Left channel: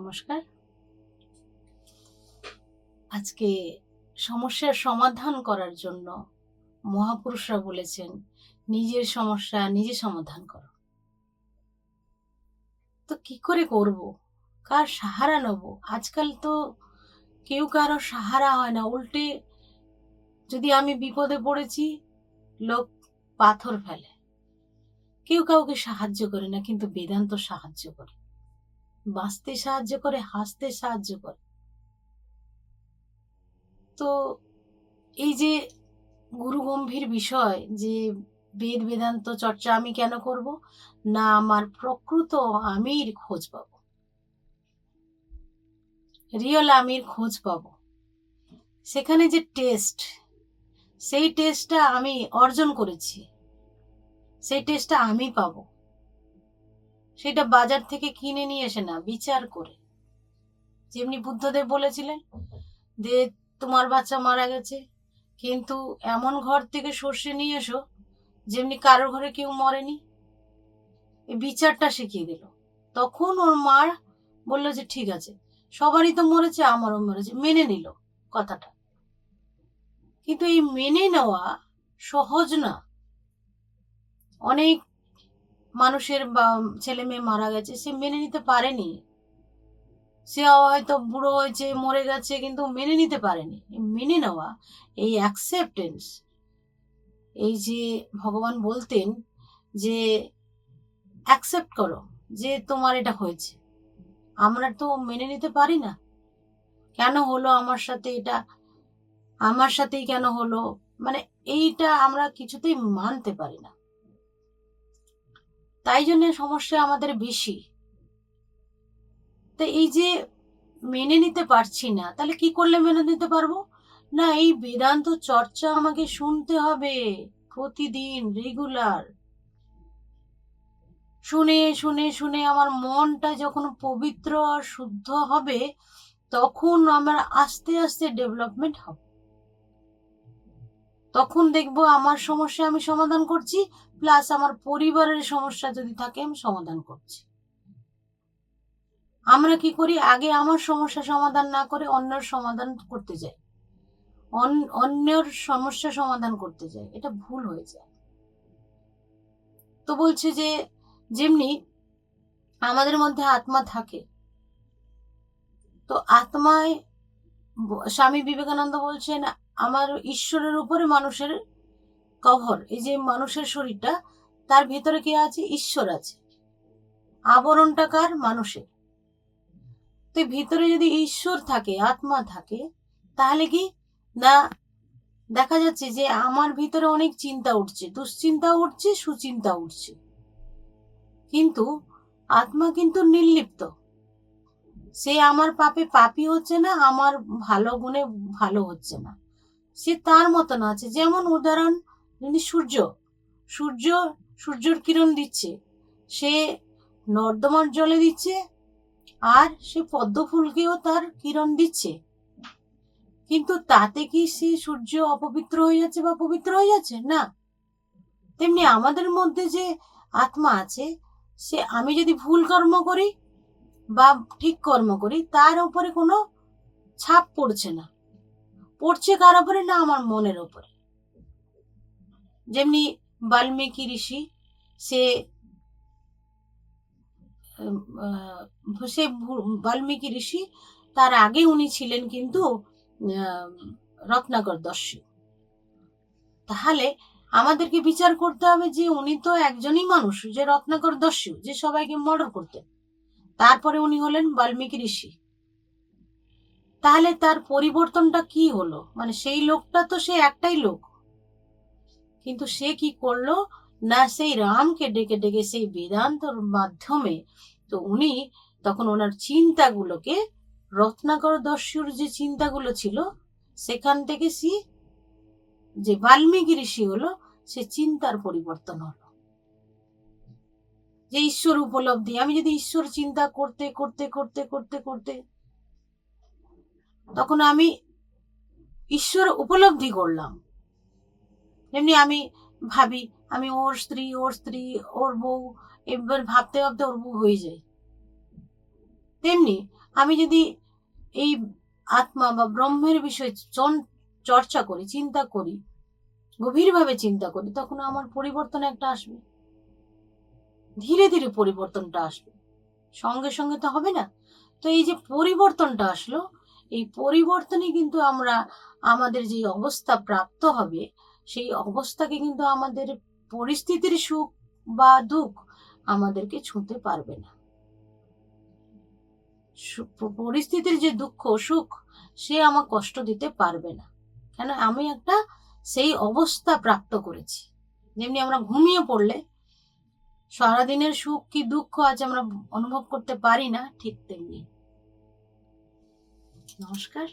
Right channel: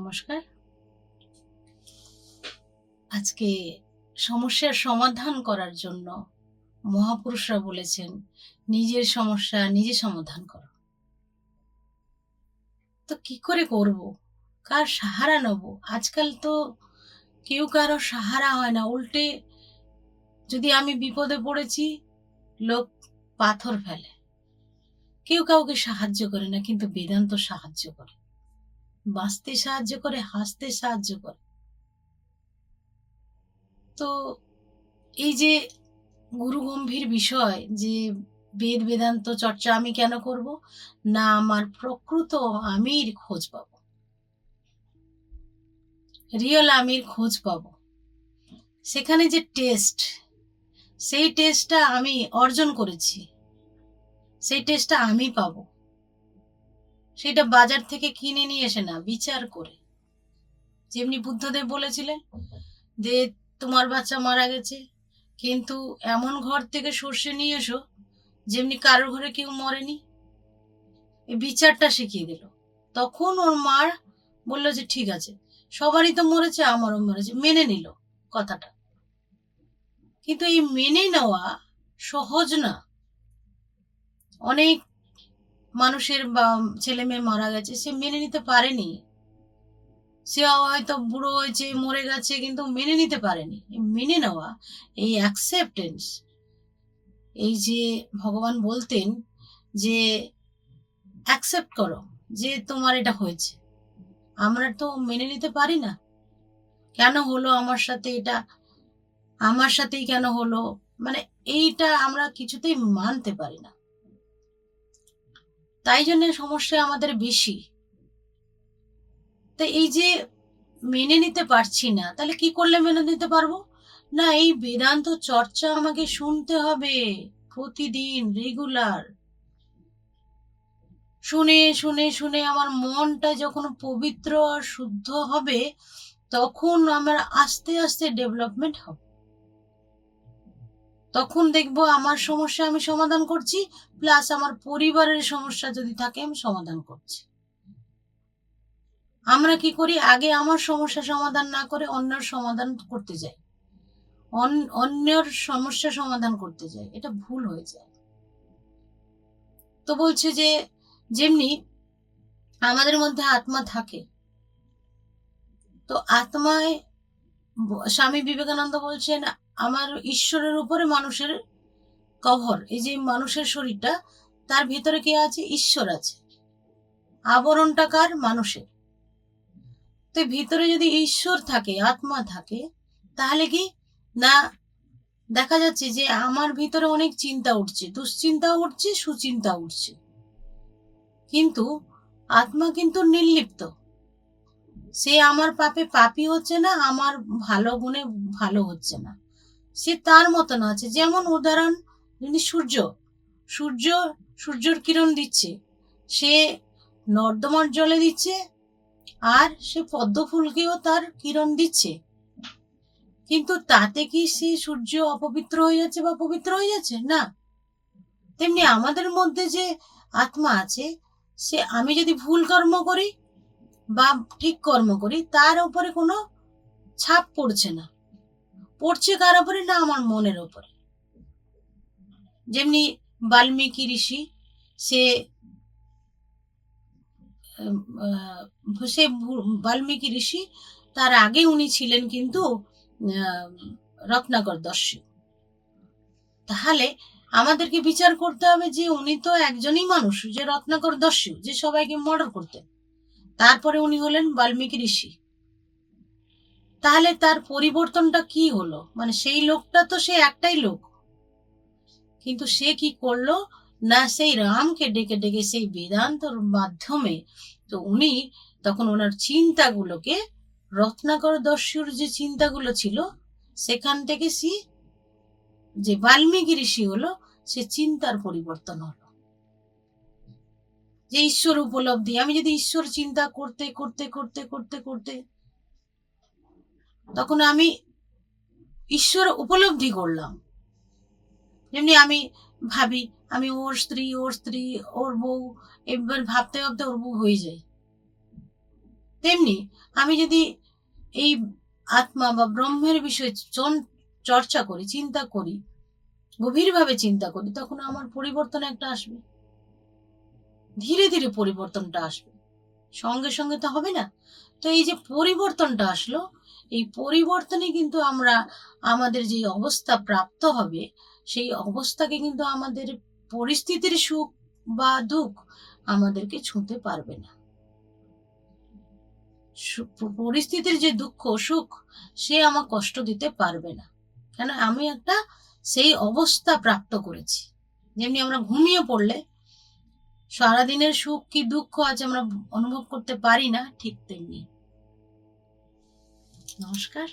নমস্কার। আজকে সমস্যার সমাধান করার জন্য মহাপুরুষরা বলেছেন, নিজের সমস্যা নিজে সমাধান করো। তো কি করে করব? কার সাহারা নেব? আজকাল তো কেউ কারো সাহারা হয় না। উল্টে যদি আমি বিপদে পড়েছি, লোক পাথর ফেলে। কেউ কাউকে সাহায্য করে না, কিন্তু বেদান্ত সাহায্য করে। বাঁচতে সাহায্য করে, হাসতে সাহায্য করে। তো এই যে গুরুগম্ভীর বিষয় যে বেদ বেদান্ত চর্চা আমি কেন করব? না, আমার প্রকৃত আমির খোঁজ পাবো, রিয়েল আমির খোঁজ পাবো। সেখানে যে টেস্ট, সেই টেস্টটা আমি অর্জন করেছি, সেই টেস্টটা আমি পাবো। সেটা বাজার থেকে কিনে নিয়ে এসে না, বিচার করে। যেমনি বুদ্ধদেব বলেছিলেন যে তোমার বাচ্চা মারা গেছে, কিন্তু এমন ঘর থেকে সর্ষে নিয়ে এসো যেমনি কারোর ঘরে কেউ মরেনি। এই বিচারটা শিখিয়ে দিল। তখন ওর মা বলল যে ঠিক আছে, সবারই তো মরেছে, আমারও মরেছে, মেনে নিল কথাটা। কিন্তু এই মেনে নেওয়া সহজ না। অনেক মানুষের বা ছেলে মেয়ে মারা গেছে, সে মেনে নিতে পারেনি। সে হয়তো বুড়ো হয়েছে, মরে গেছে, কিন্তু মেনে নিতে পারেনি। মেনে নেওয়া, এই অ্যাকসেপ্টেন্স, এই যে ভগবান বলতেন যে অ্যাকসেপ্ট করো যে তোমার এটা হয়েছে। আমরা তো মেনে নিতে পারি না। কেন হলো আমার সাথে এটা, আমার সাথেই কেন হলো, মানে এইটা আমরা কিছুতেই মানতে পারি না। তাই জন্য সমস্যা আমাদের বেশি। তো এই যে মেনে নিতে পারছি না, তাহলে কি করলে মেনে নিতে পারবো? না, এই বেদান্ত চর্চা আমাকে শুনতে হবে প্রতিদিন, রেগুলার। শুনে শুনে শুনে আমার মনটা যখন পবিত্র আর শুদ্ধ হবে, তখন আমার আস্তে আস্তে ডেভেলপমেন্ট হবে। তখন দেখবো আমার সমস্যা আমি সমাধান করছি, প্লাস আমার পরিবারের সমস্যা যদি থাকে আমি সমাধান করছি। আমরা কি করি, আগে আমার সমস্যা সমাধান না করে অন্যের সমাধান করতে যাই, অন্যের সমস্যা সমাধান করতে যাই। এটা ভুল হয়ে যায়। তো বলছে যে যেমনি আমাদের মধ্যে আত্মা থাকে, তো আত্মায় স্বামী বিবেকানন্দ বলছেন আমার ঈশ্বরের উপরে মানুষের কভার। এই যে মানুষের শরীরটা, তার ভেতরে কে আছে? ঈশ্বর আছে। আবরণটা কার? মানুষের। তো ভিতরে যদি ঈশ্বর থাকে, আত্মা থাকে, তাহলে কি না, দেখা যাচ্ছে যে আমার ভিতরে অনেক চিন্তা উঠছে, দুশ্চিন্তা উঠছে, সুচিন্তা উঠছে, কিন্তু আত্মা কিন্তু নির্লিপ্ত। সে আমার পাপে পাপী হচ্ছে না, আমার ভালো গুণে ভালো হচ্ছে না। সে তার মতন আছে। যেমন উদাহরণ, যদি সূর্য, সূর্য সূর্যের কিরণ দিচ্ছে, সে নর্দমার জলে দিচ্ছে, আর সে পদ্ম ফুলকেও তার কিরণ দিচ্ছে, কিন্তু তাতে কি সে সূর্য অপবিত্র হয়ে যাচ্ছে বা পবিত্র হয়ে যাচ্ছে? না। তেমনি আমাদের মধ্যে যে আত্মা আছে, সে আমি যদি ভুল কর্ম করি বা ঠিক কর্ম করি, তার উপরে কোনো ছাপ পড়ছে না। পড়ছে কার উপরে? না, আমার মনের উপরে। যেমনি বাল্মীকি ঋষি, সে সে বাল্মীকি ঋষি, তার আগে উনি ছিলেন কিন্তু রত্নাকর দস্যু। তাহলে আমাদেরকে বিচার করতে হবে যে উনি তো একজনই মানুষ, যে রত্নাকর দস্যু, যে সবাইকে মার্ডার করতেন। তারপরে উনি হলেন বাল্মীকি ঋষি। তাহলে তার পরিবর্তনটা কি হলো? মানে সেই লোকটা তো সে একটাই লোক, কিন্তু সে কি করলো না, সেই রামকে ডেকে ডেকে সেই বেদান্তর মাধ্যমে, তো উনি তখন ওনার চিন্তাগুলোকে, রত্নাকর দস্যুর যে চিন্তাগুলো ছিল, সেখান থেকে সে যে বাল্মীকি ঋষি হলো, সে চিন্তার পরিবর্তন হলো। যে ঈশ্বর উপলব্ধি, আমি যদি ঈশ্বর চিন্তা করতে করতে করতে করতে করতে, তখন আমি ঈশ্বর উপলব্ধি করলাম। যেমনি আমি ভাবি আমি ওর স্ত্রী, ওর স্ত্রী, ওর বউ, এবার ভাবতে ভাবতে ওর বউ হয়ে যায়। তেমনি আমি যদি এই আত্মা বা ব্রহ্মের বিষয়ে চর্চা করি, চিন্তা করি, গভীরভাবে চিন্তা করি, তখন আমার পরিবর্তন একটা আসবে। ধীরে ধীরে পরিবর্তনটা আসবে, সঙ্গে সঙ্গে তো হবে না। তো এই যে পরিবর্তনটা আসলো, এই পরিবর্তনে কিন্তু আমরা আমাদের যে অবস্থা প্রাপ্ত হবে, সেই অবস্থাকে কিন্তু আমাদের পরিস্থিতির সুখ বা দুঃখ আমাদেরকে ছুঁতে পারবে না। পরিস্থিতির যে দুঃখ সুখ, সে আমার কষ্ট দিতে পারবে না, কেন আমি একটা সেই অবস্থা প্রাপ্ত করেছি। যেমনি আমরা ঘুমিয়ে পড়লে সারাদিনের সুখ কি দুঃখ আজ আমরা অনুভব করতে পারি না, ঠিক তেমনি। নমস্কার।